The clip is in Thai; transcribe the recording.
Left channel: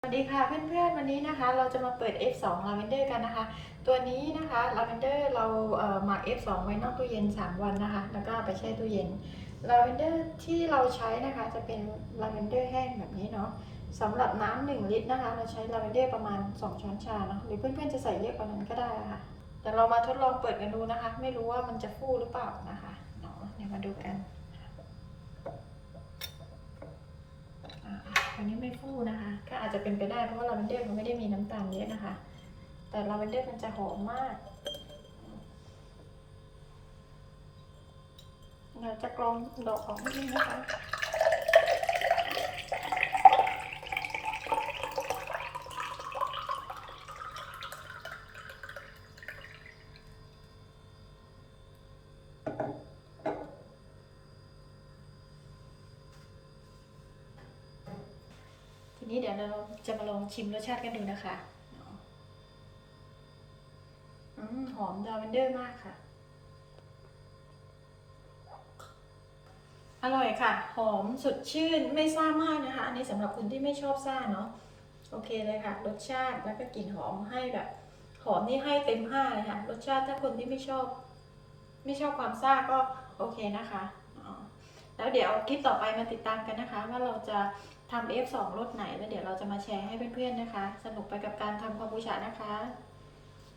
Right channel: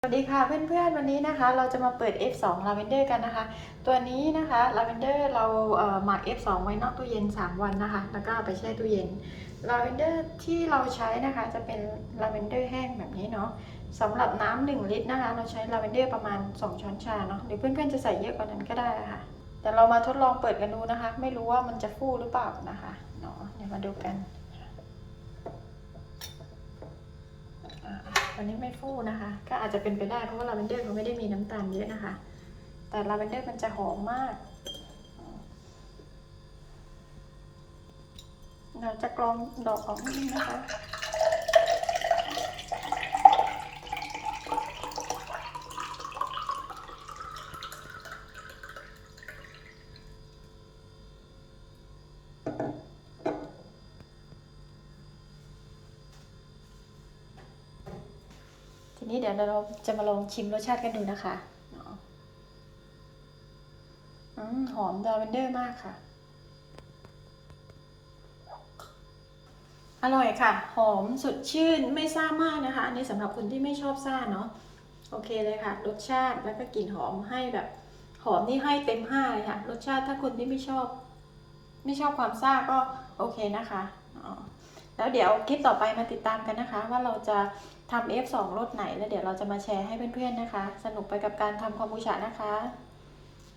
สวัสดีค่ะเพื่อนๆวันนี้นะคะ เราจะมาเปิด F2 Lavender กันนะคะ ตัวนี้นะคะ Lavender เราเอ่อหมัก F2 ไว้นอกตู้เย็น 3 วันนะคะ แล้วก็เอาไปแช่ตู้เย็น Lavender ที่เราใช้นะคะจะเป็น Lavender แห้งแบบนี้เนาะสำหรับน้ำ1ลิตรนะคะ เราใช้ Lavender ประมาณ 2 ช้อนชาเนาะหรือเพื่อนๆจะใส่เยอะกว่านั้นก็ได้ค่ะ แต่เรามาทดลองเปิดกันดูนะคะ ไม่รู้ว่ามันจะฟูหรือเปล่านะคะเนาะเดี๋ยวมาดูกันวันนี้ไม่ฟูนะคะ อาจจะเป็นไปได้เพราะว่าลาเวนเดอร์มันไม่ได้มีน้ำตาลเยอะนะคะ แต่ลาเวนเดอร์มันจะหอมมาก เราจะกรองดอกออกนิดนึงนะคะ นี้เดี๋ยวเราจะมาลองชิมรสชาติกันดูนะคะเนาะอืมหอมลาเวนเดอร์มากค่ะ อร่อยค่ะ หอมสดชื่นไม่ซ่ามากนะคะ อันนี้สำหรับคนที่ไม่ชอบซ่าเนาะ โอเคเลยค่ะ รสชาติแล้วก็กลิ่นหอมให้แบบ หอมนี่ให้เต็มห้าเลยค่ะ รสชาติถ้าคนที่ไม่ชอบ ไม่ชอบความซ่าก็โอเคนะคะอ๋อแล้วเดี๋ยวคลิปต่อไปมาติดตามกันนะคะ ว่าเราจะ ทำ F2 รสไหน แล้วเดี๋ยวเราจะมาแชร์ให้เพื่อนๆนะคะ สนุกไปกับการทำคอมบูชานะคะ